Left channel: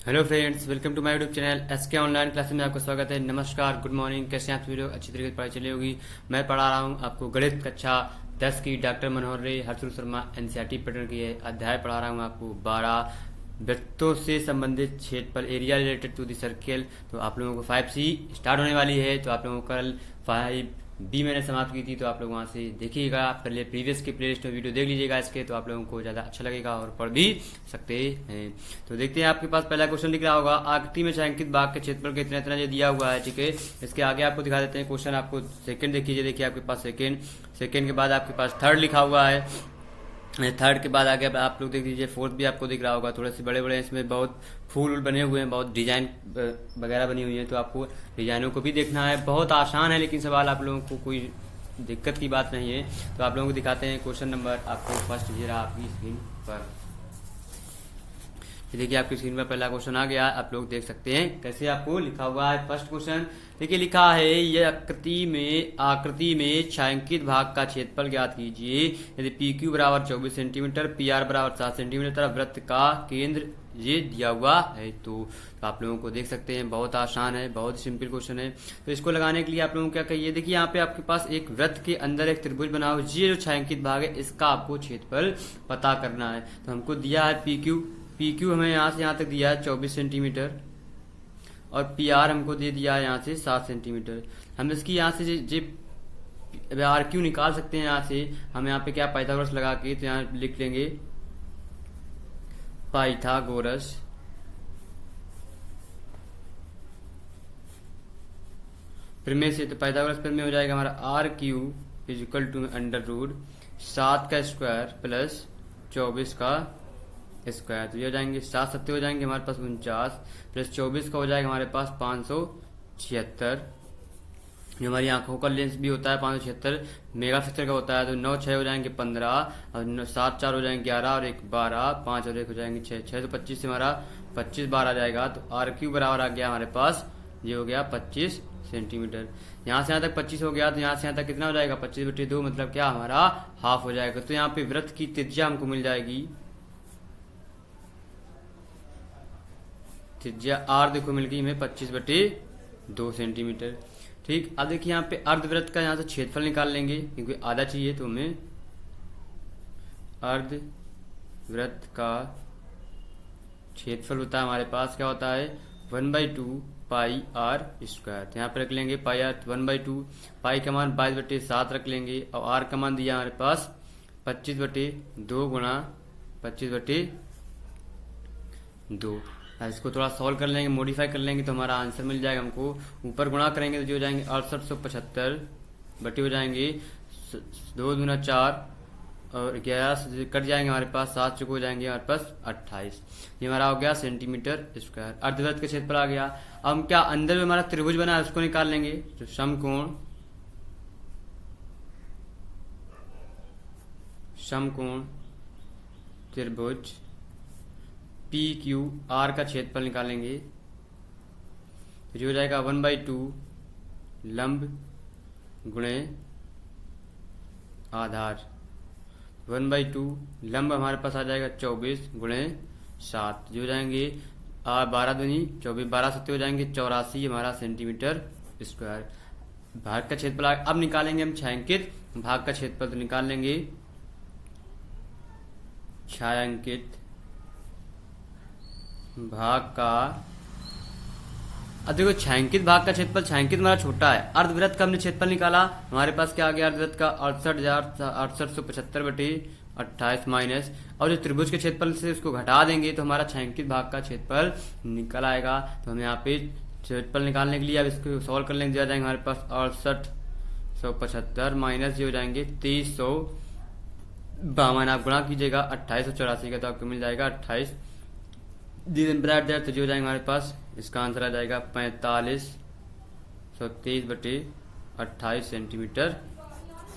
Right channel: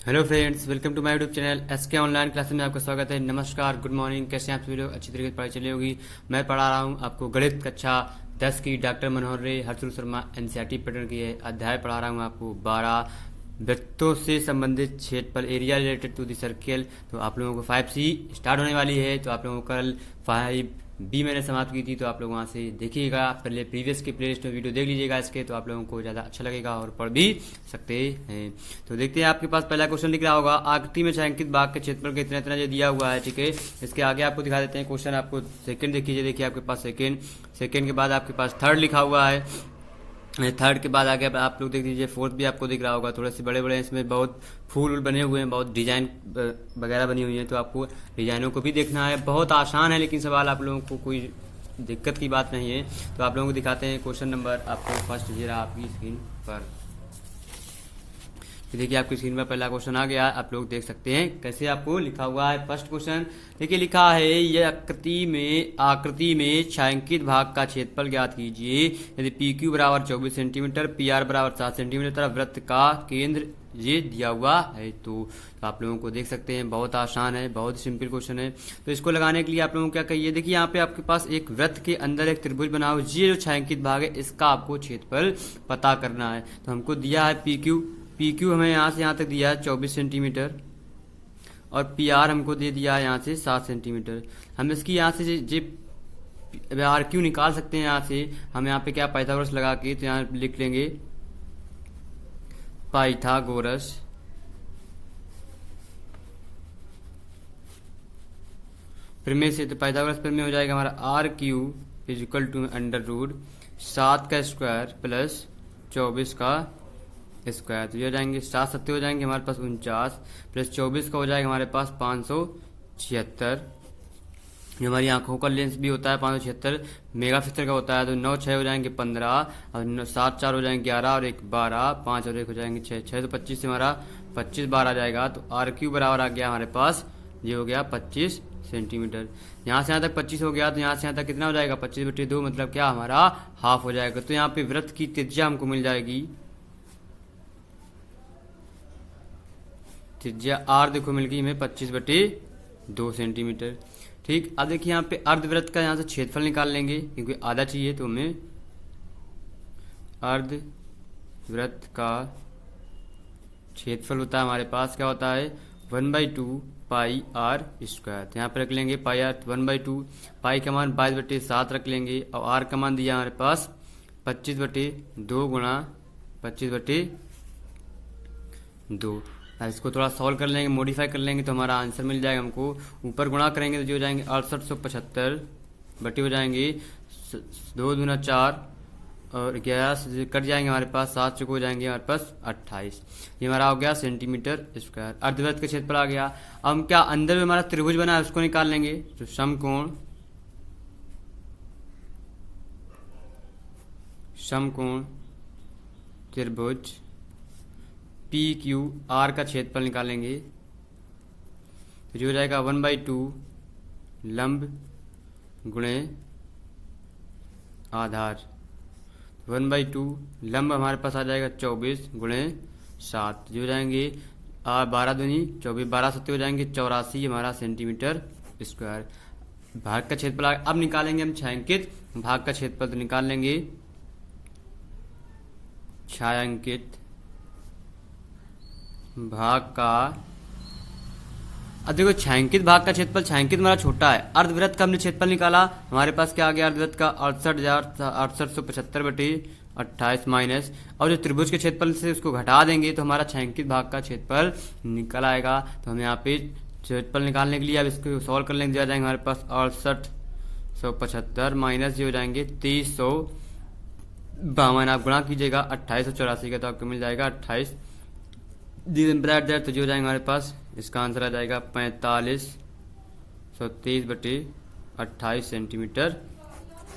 Hello friends, welcome to my YouTube channel SK online classes में आपका स्वागत है। नमस्कार, गुड मॉर्निंग। कैसे हैं आप सभी लोग? अच्छी तरीके से पढ़ाई चली होगी। मैं पढ़ा रहा हूं आपको गणित कक्षा 10 की डॉक्टर मनोहर रे हर्षुल शर्मा एनसीईआरटी पैटर्न की है अध्याय पढ़ा रहा हूं आपको 12 वृत्तों से संबंधित क्षेत्रफल area related to the circle. तो आप लोगों को 5C स्टार्ट होने वाली है। तो आप लोगों को कल 5B मैंने समाप्त की थी, तो आप लोग वहां से देखिएगा। पहले प्रीवियस के प्लेलिस्ट में वीडियो देख लीजिएगा इसके, तो आप लोगों को ज़्यादा अच्छा लगेगा और पढ़ भी सकते हैं। तो देखते हैं, आपके पास पहला क्वेश्चन दिख रहा होगा। आकृति में छायांकित भाग के क्षेत्रफल का इतना इतना जो दिया हुआ है, ठीक है। इसके आगे आपको दिखा देते हैं क्वेश्चन। आपको सेकंड देखिए आपके पास सेकंड के बाद आपके पास थर्ड लिखा हुआ है। थर्ड के बाद आगे आप लोग देख लीजिए, फोर्थ भी आपको दिख रहा होगा। थोड़े से बड़े बड़े इसमें बहुत फूल बने हुए हैं, बहुत डिजाइन वगैरह बनी हुई है। तो आपको डिजाइनों को भी देखना है। बहुत आसान है, लेकिन सवाल आप लोगों को कोई दिक्कत की बात नहीं है। तो आप लोगों को दिखाते हैं क्वेश्चन नंबर। आपको फर्स्ट दे रहा आपकी स्क्रीन पर। देखिए आपकी स्क्रीन पर पहला क्वेश्चन आ गया। आप लोग देख सकते हैं कैसे आपको लिखा हुआ है। फर्स्ट क्वेश्चन देखिए, लिखा है यह आकृति में छायांकित भाग का क्षेत्रफल ज्ञात कीजिए। यदि PQ बराबर 24 सेंटीमीटर, PR बराबर 7 सेंटीमीटर तथा वृत्त का केंद्र ये दिया हुआ है। तो आप लोगों को देख सकते हैं, बहुत आसान है, बहुत सिंपल क्वेश्चन है। तो इसको लगाने के लिए आप लोगों को क्या कहिए, देखिए यहाँ पे आपके पास एक वृत्त के अंदर एक त्रिभुज बना हुआ, ये जो छायांकित भाग है इसका आपको क्षेत्रफल पता करना है। तो हमको दिया है PQ हमें यहाँ से यहाँ तक दिया है 24 सेंटीमीटर और PR हमको दे दिया है यहाँ से 7 सेंटीमीटर। हम इसकी यहाँ से RQ निकाल सकते हैं। यहाँ से हम यहाँ पे क्या पाइथागोरस लगा के तो यहाँ लिख लेंगे पाइथागोरस प्रमेय से। तो पाइथागोरस प्रमेय हो जाएगा हमारा RQ is equal to under root 7 का स्क्वायर प्लस 24 का स्क्वायर। तो ये हो जाएंगे 7 सत्ते हो जाएंगे हमारे पास 49 प्लस 24 का हो जाएगा हमारे पास 576। ये हमारी आंखों का लेंस भी होता है 576 मेगापिक्सल का होता है। तो 9 6 हो जाएंगे 15 और 7 4 हो जाएंगे 11 और 1 12 5 और 1 हो जाएंगे 6 6 तो 25 से हमारा 25 बार आ जाएगा। तो RQ बराबर आ गया हमारे पास, ये हो गया 25 सेंटीमीटर। यहाँ से यहाँ तक 25 हो गया, तो यहाँ से यहाँ तक कितना हो जाएगा 25/2, मतलब क्या हमारा हाफ हो जाएगा। तो यहाँ पे वृत्त की त्रिज्या हमको मिल जाएगी, त्रिज्या R देखो मिल गई हमें 25/2 सेंटीमीटर। ठीक, अब देखिए यहाँ पे अर्धवृत्त का यहाँ से क्षेत्रफल निकाल लेंगे, क्योंकि आधा चाहिए। तो हमें अर्धवृत्त का क्षेत्रफल होता है हमारे पास, क्या होता है 1/2 पाई R स्क्वायर। तो यहाँ पे रख लेंगे पाई R 1/2, पाई का मान 22/7 रख लेंगे और R का मान दिया हमारे पास 25/2 गुणा 25/2। इसको थोड़ा सॉल्व कर लेंगे, मॉडिफाई कर लेंगे, तो हमारा आंसर मिल जाएगा हमको। ऊपर गुणा करेंगे तो जो हो जाएंगे 6875 बटे हो जाएंगे 2 दूना 4 और 11 कट जाएंगे हमारे पास, 7 चुके हो जाएंगे हमारे पास 28। ये हमारा हो गया सेंटीमीटर स्क्वायर। अर्धवृत्त का क्षेत्रफल आ गया। अब हम क्या अंदर में हमारा त्रिभुज बना है उसको निकाल लेंगे। तो समकोण त्रिभुज PQR का क्षेत्रफल निकालेंगे। तो जो हो जाएगा 1/2 लंब गुणे आधार। 1/2 लंब हमारे पास आ जाएगा 24 गुणे 7, जो हो जाएंगे 12 दूनी 24, 12 सत्ते हो जाएंगे 84 हमारा सेंटीमीटर स्क्वायर। भाग का क्षेत्रफल अब निकालेंगे हम छायांकित भाग का क्षेत्रफल। तो निकाल लेंगे छायांकित भाग का। अब देखो छायांकित भाग का क्षेत्रफल, छायांकित हमारा छोटा है। अर्धवृत्त का हमने क्षेत्रफल निकाला, हमारे पास क्या आ गया अर्धवृत्त का 68,875/28 माइनस, और जो त्रिभुज के क्षेत्रफल से उसको घटा देंगे तो हमारा छायांकित भाग का क्षेत्रफल निकल आएगा। तो हम यहाँ पे क्षेत्रफल निकालने के लिए अब इसको सॉल्व कर लेंगे। दिया जाएंगे हमारे पास 6875 माइनस जो हो जाएंगे 2352। आप गुणा कीजिएगा 2884 का, तो आपको मिल जाएगा 28 तो जो हो जाएंगे हमारे पास, इसका आंसर आ जाएगा 4523/28 सेंटीमीटर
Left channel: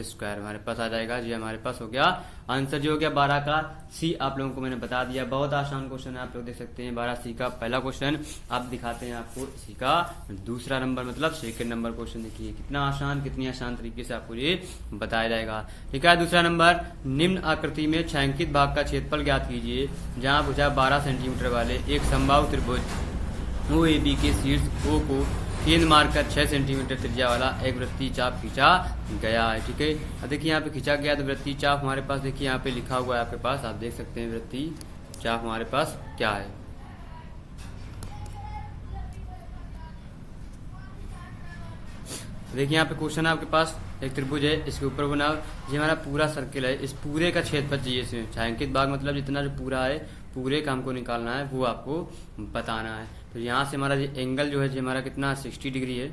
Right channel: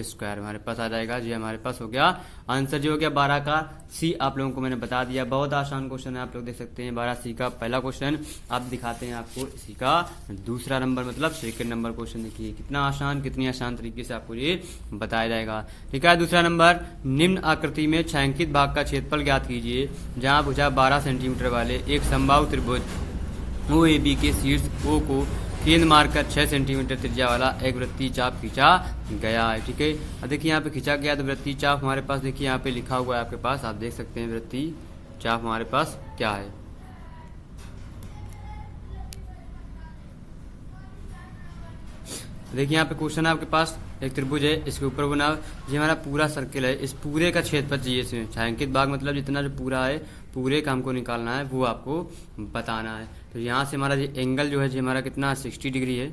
स्क्वायर हमारे पास आ जाएगा। जी हमारे पास हो गया आंसर, जो हो गया 12 का सी। आप लोगों को मैंने बता दिया, बहुत आसान क्वेश्चन है, आप लोग देख सकते हैं 12 सी का पहला क्वेश्चन। आप दिखाते हैं आपको इसी का दूसरा नंबर, मतलब सेकंड नंबर क्वेश्चन। देखिए कितना आसान, कितनी आसान तरीके से आपको ये बताया जाएगा। ठीक है, दूसरा नंबर, निम्न आकृति में छायांकित भाग का क्षेत्रफल ज्ञात कीजिए जहां भुजा 12 सेंटीमीटर वाले एक समबाहु त्रिभुज OAB के शीर्ष O को केंद्र मारकर 6 सेंटीमीटर त्रिज्या वाला एक वृत्तीय चाप खींचा गया है। ठीक है, अब देखिए यहाँ पे खींचा गया तो वृत्तीय चाप हमारे पास, देखिए यहाँ पे लिखा हुआ है आपके पास, आप देख सकते हैं वृत्तीय चाप हमारे पास क्या है। देखिए यहाँ पे क्वेश्चन है आपके पास, एक त्रिभुज है, इसके ऊपर बना, ये हमारा पूरा सर्किल है, इस पूरे का क्षेत्रफल चाहिए इसमें। छायांकित भाग मतलब जितना जो पूरा है, पूरे का हमको निकालना है, वो आपको बताना है। तो यहाँ से हमारा ये एंगल जो है जी हमारा कितना 60 डिग्री है।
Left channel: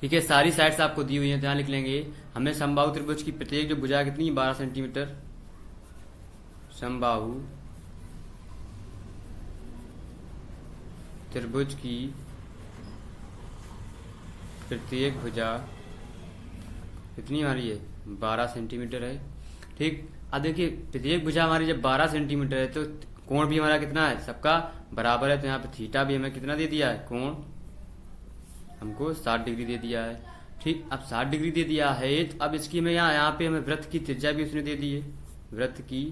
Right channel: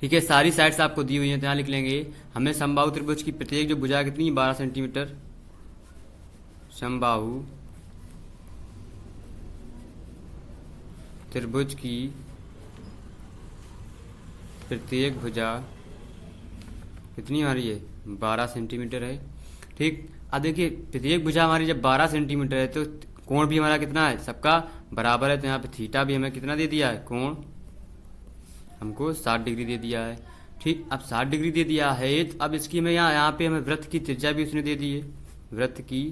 ठीक है, सारी साइड्स आपको दी हुई है, तो यहाँ लिख लेंगे हमें समबाहु त्रिभुज की प्रत्येक जो भुजा कितनी 12 सेंटीमीटर, समबाहु त्रिभुज की प्रत्येक भुजा कितनी हमारी है 12 सेंटीमीटर है। ठीक, अब देखिए प्रत्येक भुजा हमारी जब 12 सेंटीमीटर है तो कोण भी हमारा कितना है, सबका बराबर है। तो यहाँ पे थीटा भी हमें कितना दे दिया है, कोण हमको 60 डिग्री दे दिया है। ठीक, अब 60 डिग्री दे दिया है, अब इसकी हमें यहाँ पे हमें वृत्त की त्रिज्या भी उसने दे दी है। वृत्त की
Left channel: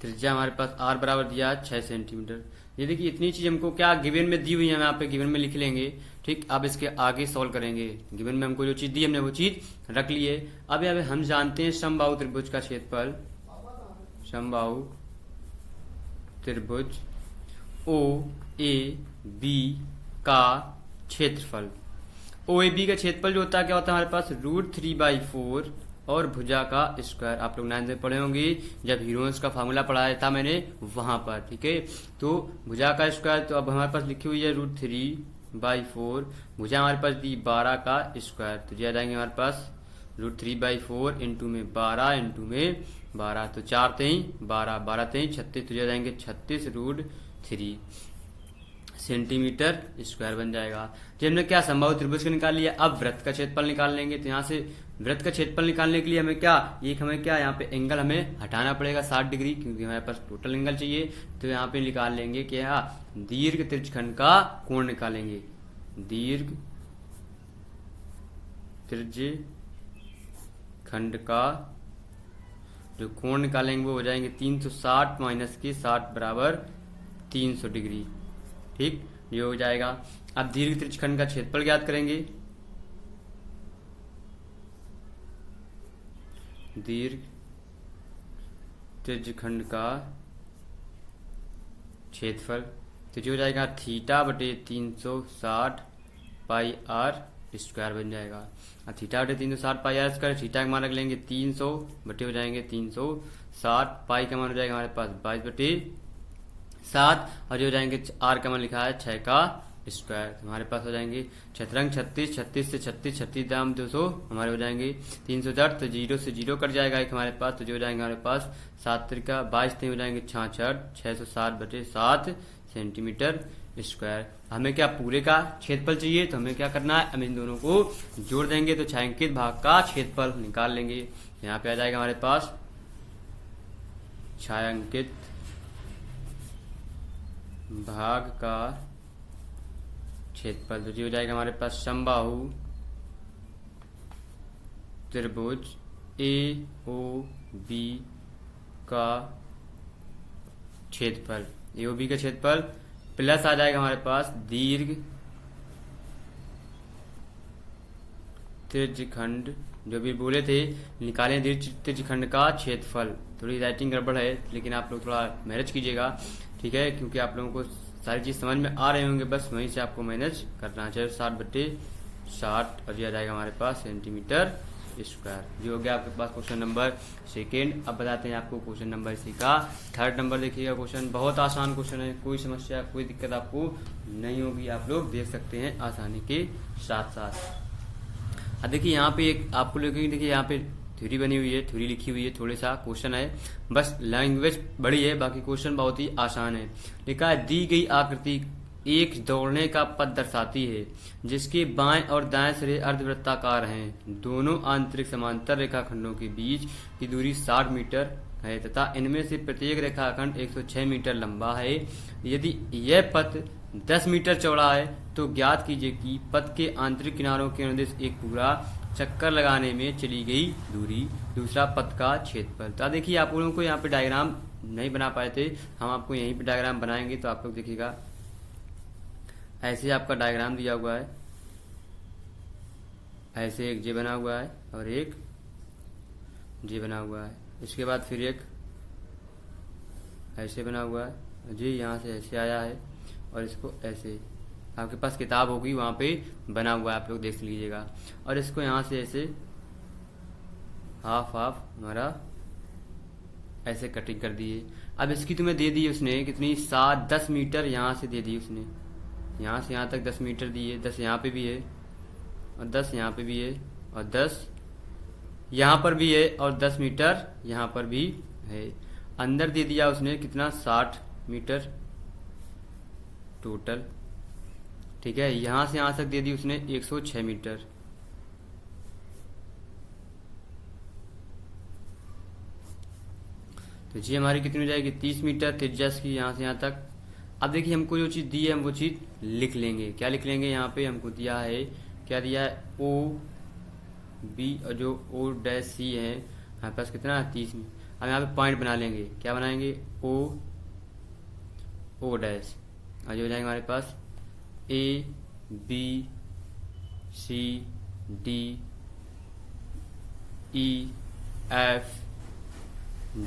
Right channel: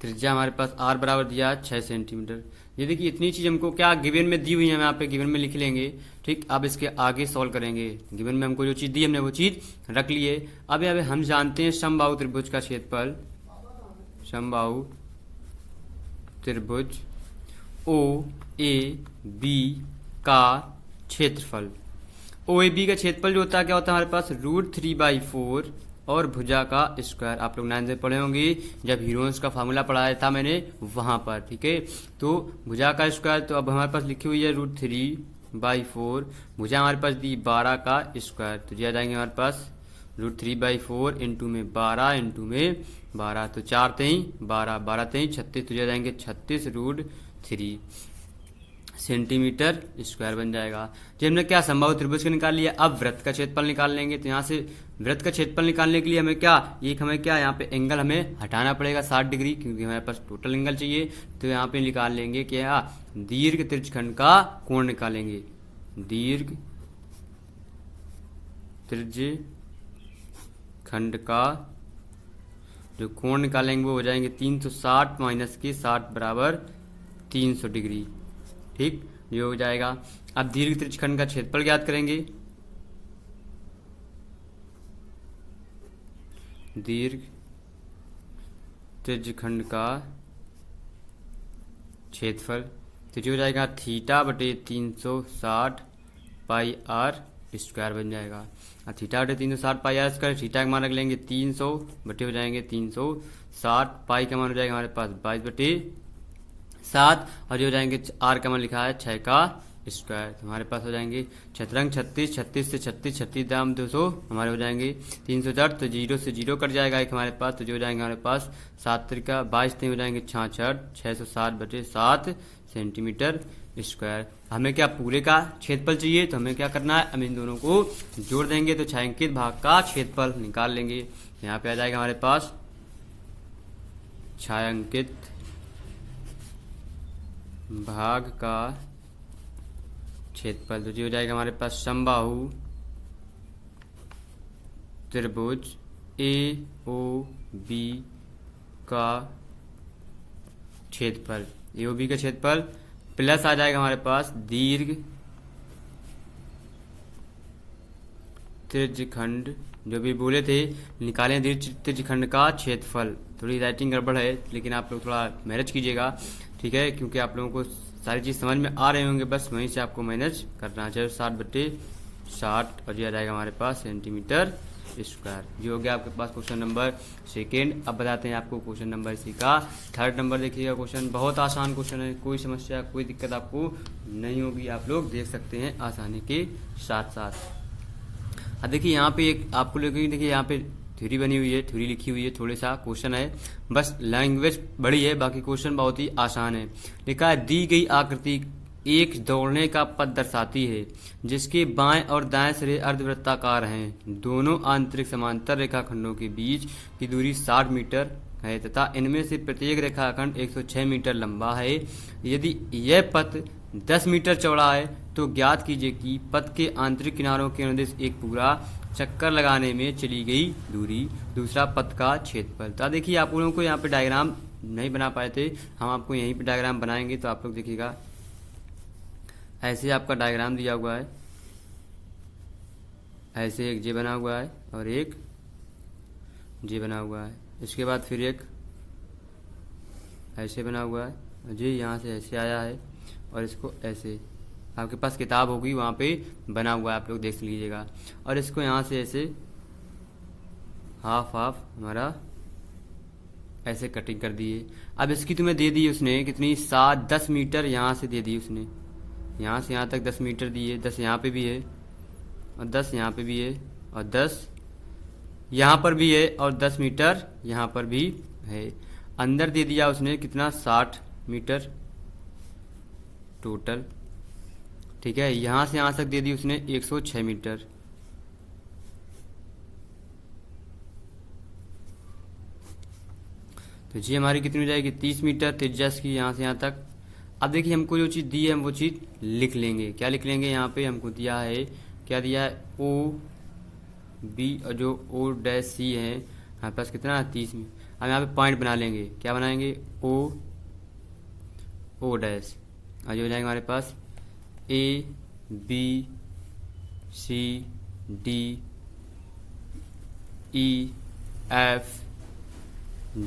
त्रिज्या हमारे पास r बराबर दिया 6 सेंटीमीटर। ये देखिए इतनी चीज हमको क्या गिवन में दी हुई है, यहाँ पे गिवन में लिख लेंगे। ठीक, अब इसके आगे सॉल्व करेंगे। गिवन में हमको जो चीज दी हमने वो चीज रख ली है। अब हम जानते हैं समबाहु त्रिभुज का क्षेत्रफल, समबाहु त्रिभुज OAB का क्षेत्रफल। OAB का क्षेत्रफल जो होता है क्या होता है हमारे पास, √3/4 और भुजा का स्क्वायर। आप लोग 9 से पढ़े होंगे जब हीरोन्स का फार्मूला पढ़ाया था मैंने वहां पर। ठीक है, तो भुजा का स्क्वायर, तो अब हमारे पास लिखी हुई है √3/4, भुजा हमारे पास दी 12 का स्क्वायर, तो ये आ जाएंगे हमारे पास √3/4 इंटू में 12 इंटू में 12, तो 4 3 12, 12 3 36, तो ये आ जाएंगे 36√3 सेंटीमीटर स्क्वायर बन जाएगा। तो हमने क्या समबाहु त्रिभुज का निकाल लिया, अब वृत्त का क्षेत्रफल निकाल लेंगे। तो यहाँ से वृत्त का क्षेत्रफल निकालने के लिए हमें क्या, हमें क्या यहाँ पे एंगल हमें हटाना पड़ेगा 60 डिग्री, क्योंकि हमारे पास टोटल एंगल चाहिए। तो यहाँ पे निकाल लेंगे क्या, दीर्घ त्रिज्यखंड का कोण निकालेंगे। दीर्घ त्रिज्यखंड का जो कोण निकालेंगे वो हो जाएंगे 360 माइनस के 60 बराबर 300 डिग्री। ठीक, ये हो जाएगा। अब दीर्घ त्रिज्यखंड का क्षेत्रफल ज्ञात करेंगे। दीर्घ त्रिज्यखंड का क्षेत्रफल तो जो हो जाएगा थीटा बटे 360 पाई आर स्क्वायर बन जाएगा। अब थीटा बटे 360 पाई आर स्क्वायर, थीटा का मान रख लेंगे 300 बटे हो जाएंगे 360, पाई का मान हो जाएगा हमारे पास 22/7, और जो हो जाएंगे आर का मान लिखा है 6 का स्क्वायर। तो हमारे पास हो जाएंगे छतरंग 36, 36 से 36, 36 दाम 200, हमारे हो जाएंगे 360, तो 0 से 0 कट जाएगा एक हमारे पास, तो जो हो जाएंगे हमारे पास 7 त्रिका 22 हो जाएंगे 66, 660/7 सेंटीमीटर स्क्वायर। हमें क्या पूरे का क्षेत्रफल चाहिए, तो हमें क्या करना है, हम इन दोनों को जोड़ देंगे तो छायांकित भाग का क्षेत्रफल निकाल लेंगे। यहाँ पे आ जाएगा हमारे पास छायांकित भाग का क्षेत्रफल, तो जो हो जाएगा हमारे पास समबाहु त्रिभुज AOB का क्षेत्रफल, AOB का क्षेत्रफल प्लस आ जाएगा हमारे पास दीर्घ त्रिज्यखंड, जो भी बोले थे निकालें दीर्घ त्रिज्यखंड का क्षेत्रफल। थोड़ी राइटिंग गड़बड़ है, लेकिन आप लोग थोड़ा मैनेज कीजिएगा, ठीक है, क्योंकि आप लोगों को सारी चीज समझ में आ रहे होंगे, बस वहीं से आपको मैनेज करना चाहिए। 60/60 और ये आ जाएगा हमारे पास सेंटीमीटर स्क्वायर। ये हो गया आपके पास क्वेश्चन नंबर सेकेंड। अब बताते हैं आपको क्वेश्चन नंबर सी का थर्ड नंबर। देखिएगा क्वेश्चन बहुत आसान क्वेश्चन है, कोई समस्या कोई दिक्कत आपको नहीं होगी, आप लोग देख सकते हैं आसानी के साथ साथ। अब देखिए यहाँ पे एक आपको लगेगी, देखिए यहाँ पे थ्योरी बनी हुई है, थ्योरी लिखी हुई है, थोड़ा सा क्वेश्चन है, बस लैंग्वेज बड़ी है, बाकी क्वेश्चन बहुत ही आसान है। लिखा है दी गई आकृति एक दौड़ने का पथ दर्शाती है जिसके बाएं और दाएं सिरे अर्धवृत्ताकार हैं। दोनों आंतरिक समांतर रेखाखंडों के बीच की दूरी 60 मीटर है तथा इनमें से प्रत्येक रेखाखंड 106 मीटर लंबा है। यदि यह पथ 10 मीटर चौड़ा है तो ज्ञात कीजिए कि पथ के आंतरिक किनारों के अनुदेश एक पूरा चक्कर लगाने में चली गई दूरी। दूसरा, पथ का क्षेत्रफल। तो देखिए, आप लोगों को यहाँ पे डायग्राम नहीं बना पाए थे, हम आपको यहीं पे डायग्राम बनाएंगे। तो आप लोग देखिएगा, ऐसे आपका डायग्राम दिया हुआ है, ऐसे एक जे बना हुआ है और एक जे बना हुआ है। इसके बाद फिर एक ऐसे बना हुआ है, जे यहाँ से ऐसे आया है और इसको ऐसे, आपके पास किताब होगी वहाँ पे बना हुआ है, आप लोग देख लीजिएगा। और इसको यहाँ से ऐसे हाफ हाफ हमारा ऐसे कटिंग कर दिए। अब इसकी तुम्हें दे दी उसने कितनी, 10 मीटर यहाँ से दे दी उसने, यहाँ से यहाँ तक 10 मीटर दिए। 10 यहाँ पे भी है और 10 यहाँ पे भी है और 10 यहाँ पर भी है और 10 मीटर यहाँ पर भी है। अंदर दे दिया उसने कितना, 60 मीटर टोटल, ठीक है। यहाँ से यहाँ तक दे दी उसने 106 मीटर। तो जी हमारी कितनी हो जाएगी, 30 मीटर त्रिज्या की यहाँ से यहाँ तक। अब देखिए, हमको जो चीज़ दी है हम वो चीज़ लिख लेंगे। क्या लिख लेंगे, यहाँ पे हमको दिया है, क्या दिया है, ओ बी और जो ओ डैश सी है हमारे पास कितना है, 30 में। अब यहाँ पे पॉइंट बना लेंगे, क्या बनाएंगे, ओ डैश, और जो हो जाएंगे हमारे पास A B C D E F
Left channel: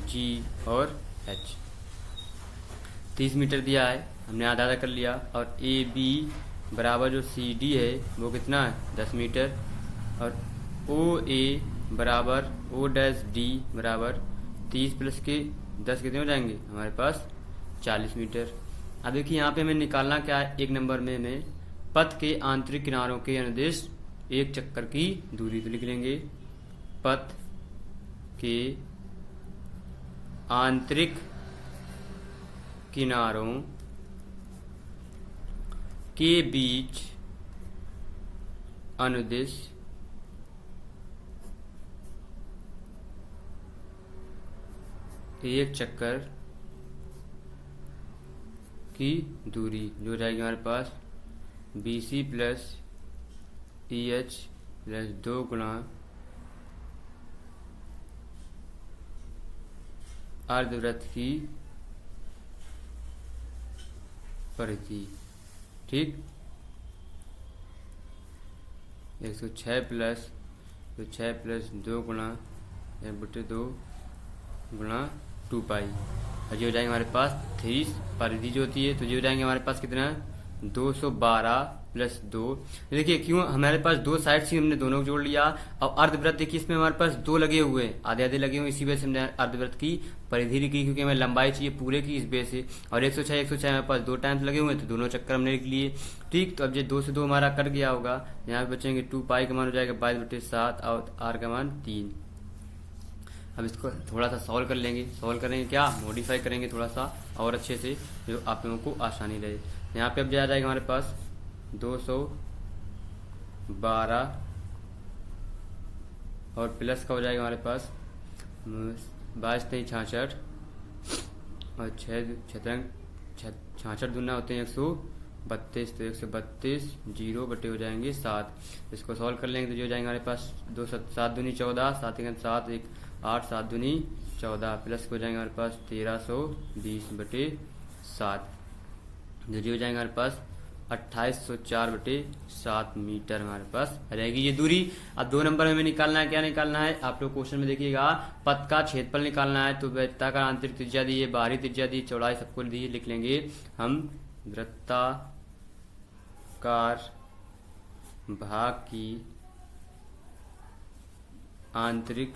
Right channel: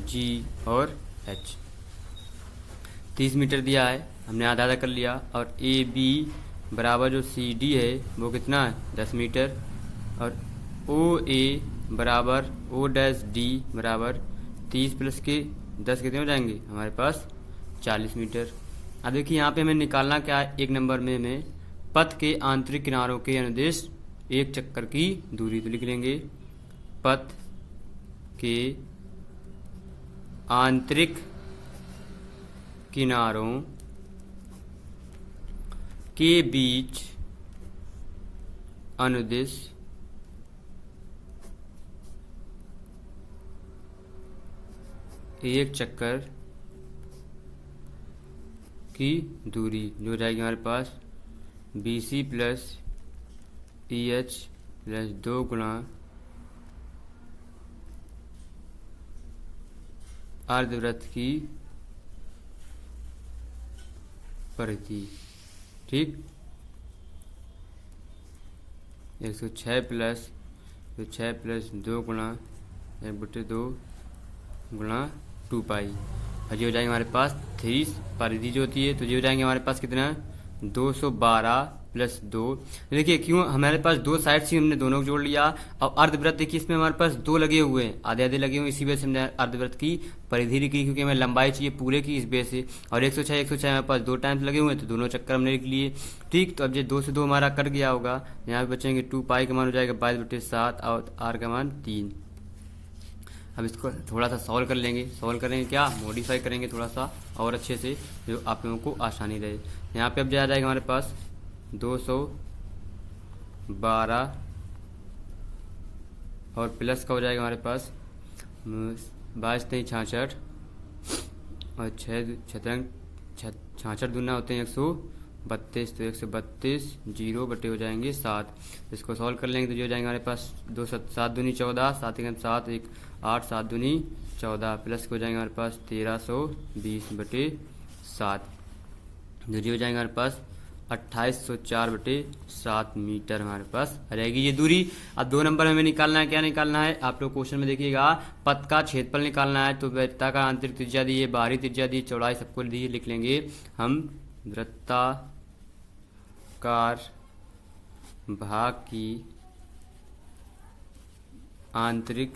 G और एच। 30 मीटर दिया है, हमने आधा आधा कर लिया। और ए बी बराबर जो सी डी है वो कितना है, 10 मीटर। और ओ ए बराबर ओ डैश डी बराबर 30 प्लस के 10 कितने हो जाएंगे हमारे पास, 40 मीटर। अब देखिए, यहाँ पे हमें निकालना क्या है, एक नंबर में हमें पथ के आंतरिक किनारों के अनुदेश एक चक्कर की दूरी। तो लिख लेंगे, पथ के आंतरिक किनारों के बीच अनुदिश एक चक्कर की दूरी, जो जाएगी हमारे पास BC प्लस EH प्लस 2 गुणा अर्धवृत्त की परिधि, ठीक। 106 प्लस 2 गुणा 1/2 गुणा 2 पाई, और ये हो जाएंगे हमारे पास 3 परिधि जो होती है। तो ये हो जाएंगे हमारे पास कितना, 212 प्लस 2। देखिए, क्यों हमारे पास दो साइड से हमने दोनों को जोड़ लिया। और अर्धवृत्त देखिए, इसमें हमारे पास 2 लगे हुए हैं, आधे आधे लगे हुए, इसी वजह से हमने अर्धवृत्त की परिधि लिखी, क्योंकि हमें लंबाई चाहिए पूरे की, इस बेस से। और 106 हमारे पास 2 टाइम्स लगे हुए हैं, तो दोनों चक्कर हमने लिख लिए, ठीक। तो अब ये 2 से 2 हमारा कट गया होगा, यहाँ पे बचेंगे 2 पाई का मान हो जाएगा 22/7 और आर का मान 3। अब इसको थोड़ा सा सॉल्व कर लेंगे। सॉल्व करेंगे क्या, मॉडिफाई करेंगे थोड़ा सा और अच्छे से, जो आप लोगों को आसानी रहे। यहाँ पे अब आ जाएगा हमारे पास 212 और प्लस का हो जाएगा हमारे पास 22×3 66 और 66 दूना होते हैं 132, तो 132 0 हो जाएंगे 7। इसको सॉल्व कर लेंगे तो जो हो जाएंगे हमारे पास 2 7 दूनी 14, 7 7 1 8 7 दूनी 14 प्लस हो जाएंगे हमारे पास 1320/7, जो हो जाएंगे हमारे पास 2804/7 मीटर हमारे पास रहेगी ये दूरी। अब 2 नंबर में हमें निकालना है, क्या निकालना है, आप लोग क्वेश्चन में देखिएगा, पथ का क्षेत्रफल निकालना है। तो वृत्ताकार आंतरिक त्रिज्या दी है, बाहरी त्रिज्या दी, चौड़ाई सबको दी है, लिख लेंगे हम वृत्ताकार भाग की आंतरिक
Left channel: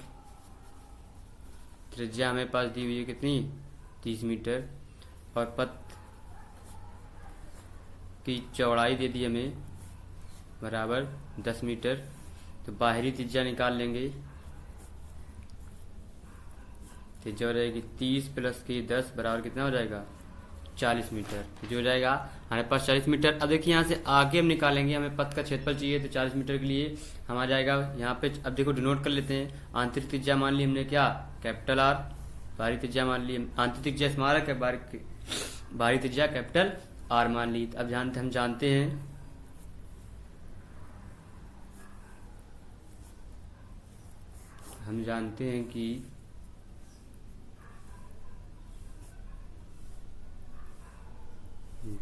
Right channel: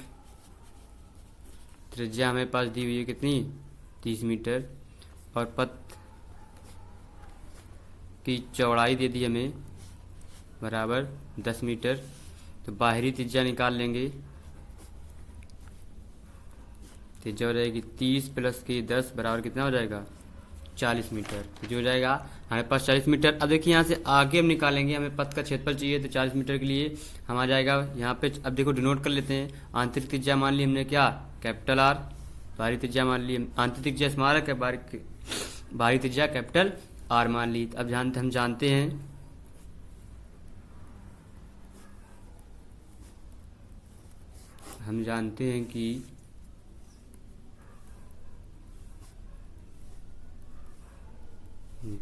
त्रिज्या हमें पास दी हुई है कितनी, 30 मीटर, और पथ की चौड़ाई दे दी हमें बराबर 10 मीटर। तो बाहरी त्रिज्या निकाल लेंगे, त्रिज्या हो जाएगी 30 प्लस की 10 बराबर कितना हो जाएगा, 40 मीटर। तो जो हो जाएगा हमारे पास 40 मीटर। अब देखिए यहाँ से आगे हम निकालेंगे, हमें पथ का क्षेत्रफल चाहिए, तो 40 मीटर के लिए हम आ जाएगा यहाँ पे। अब देखो डिनोट कर लेते हैं, आंतरिक त्रिज्या मान ली हमने क्या, कैपिटल आर, बाहरी त्रिज्या मान ली, आंतरिक त्रिज्या स्मॉल है, बाहरी त्रिज्या कैपिटल आर मान ली। अब हम जानते हैं कि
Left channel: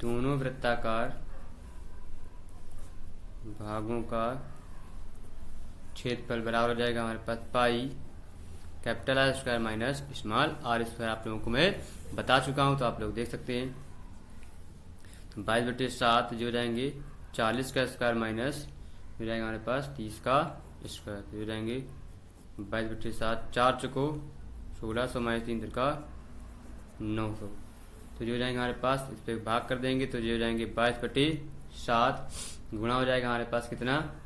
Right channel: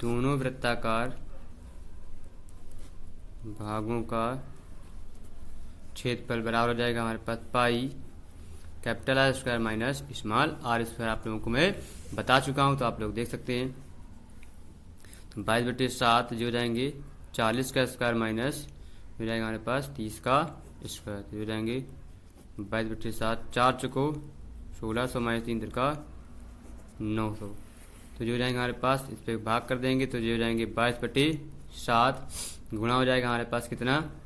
दोनों वृत्ताकार भागों का क्षेत्रफल बराबर हो जाएगा हमारे पास pi capital R square minus small R square. आप लोगों को मैं बता चुका हूं, तो आप लोग देख सकते हैं। तो 22/7 जो हो जाएंगे 40 का स्क्वायर माइनस हो जाएगा हमारे पास 30 का स्क्वायर। तो हो जाएंगे 22/7, 4 चुको 1600 माइनस 3 का 900। तो जो हो जाएंगे हमारे पास, इस पर भाग कर देंगे तो जो हो जाएंगे 22/7 गुणा हो जाएगा हमारे पास कितना,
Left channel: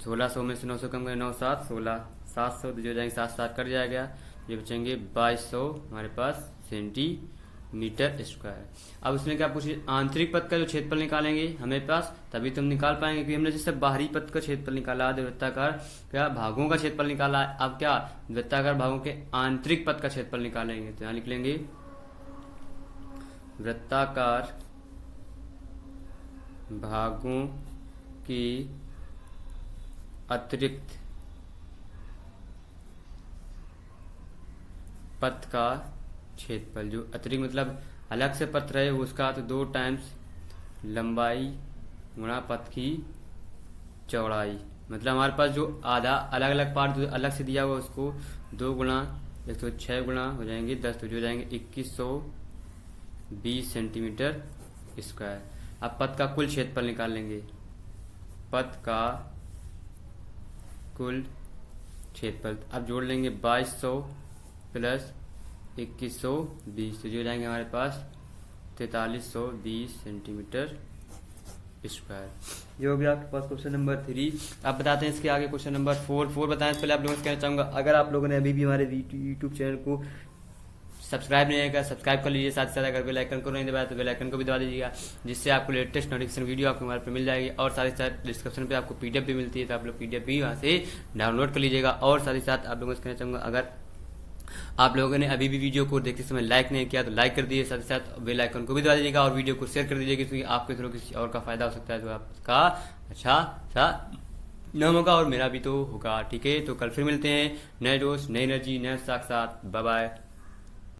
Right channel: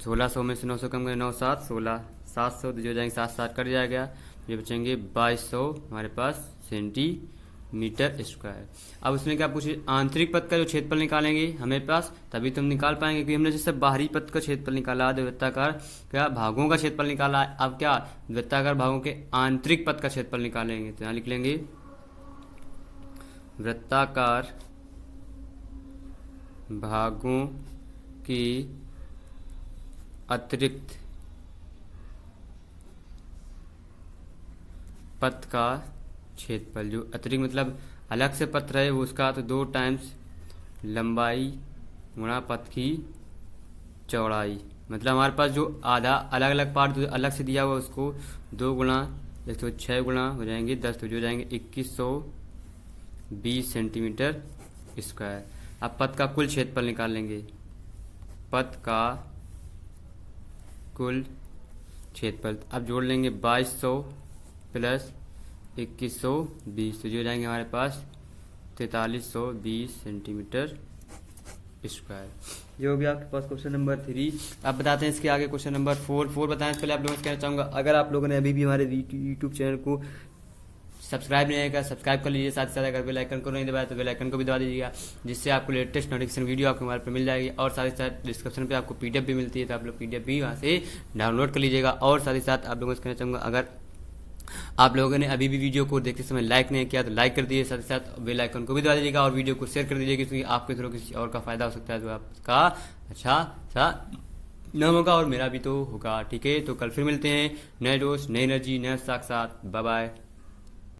1600 में से 900 कम करें 9 7 16 700। तो जो हो जाएंगे 7 7 कट जाएगा, ये बचेंगे 2200 हमारे पास सेंटीमीटर स्क्वायर। अब उसमें क्या पूछे, आंतरिक पथ का जो क्षेत्रफल निकालेंगे हमें पास, तभी तो हम निकाल पाएंगे, क्योंकि हमने जैसे बाहरी पथ का क्षेत्रफल निकाला, वृत्ताकार क्या भागों का क्षेत्रफल निकाला। अब क्या वृत्ताकार भागों के आंतरिक पथ का क्षेत्रफल निकालेंगे, तो यहाँ लिख लेंगे वृत्ताकार भागों की अतिरिक्त पथ का क्षेत्रफल। जो अतिरिक्त मतलब अलग से पथ रहे वो उसका, तो 2 टाइम्स लंबाई गुणा पथ की चौड़ाई। मतलब हमारे पास जो आधा अलग अलग पार्ट जो अलग से दिया हुआ उसको 2 गुणा 106 गुणा हो जाएंगे 10, तो जो जाएंगे 2120 सेंटीमीटर स्क्वायर। अब पथ का कुल क्षेत्रफल निकाल लेंगे, पथ का कुल क्षेत्रफल। अब जोड़ लेंगे 2200 प्लस 2120, तो जो जाएंगे हमारे पास 4320 सेंटीमीटर स्क्वायर। जो भी आपके पास क्वेश्चन नंबर 3। आप बताते हैं इसके आगे क्वेश्चन नंबर 4 बताने से पहले आप लोगों से कहना चाहूंगा, अगर आप लोगों ने अभी भी हमारे यूट्यूब चैनल को सब्सक्राइब नहीं किया, सब्सक्राइब कर लीजिए। साथ ही साथ अगर बेल आइकन को नहीं दबाया तो बेल आइकन को भी दबा दीजिएगा, जिससे आपको लेटेस्ट नोटिफिकेशन वीडियो आपके मोबाइल पर मिल जाएगी। और साथ ही साथ डिस्क्रिप्शन पे आपको पीडीएफ भी मिलती है, तो आप लोग पीडीएफ भी वहाँ से डाउनलोड कर लीजिएगा। और साथ ही साथ आप लोगों से कहना चाहूँगा, अगर आप लोगों ने अभी भी वीडियो को देखते समय लाइक नहीं किया तो लाइक कर दीजिए, साथ ही साथ बेल आइकन को भी दबा दीजिएगा और वीडियो को शेयर कर दीजिएगा, क्योंकि आपके थ्रू किसी और का फायदा हो सकता है, तो आपका अच्छा नाम होगा और मेरा भी तो होगा। ठीक है, तो कल फिर मिलते हैं नए दोस्त नई एनर्जी नए साथ। Bye bye.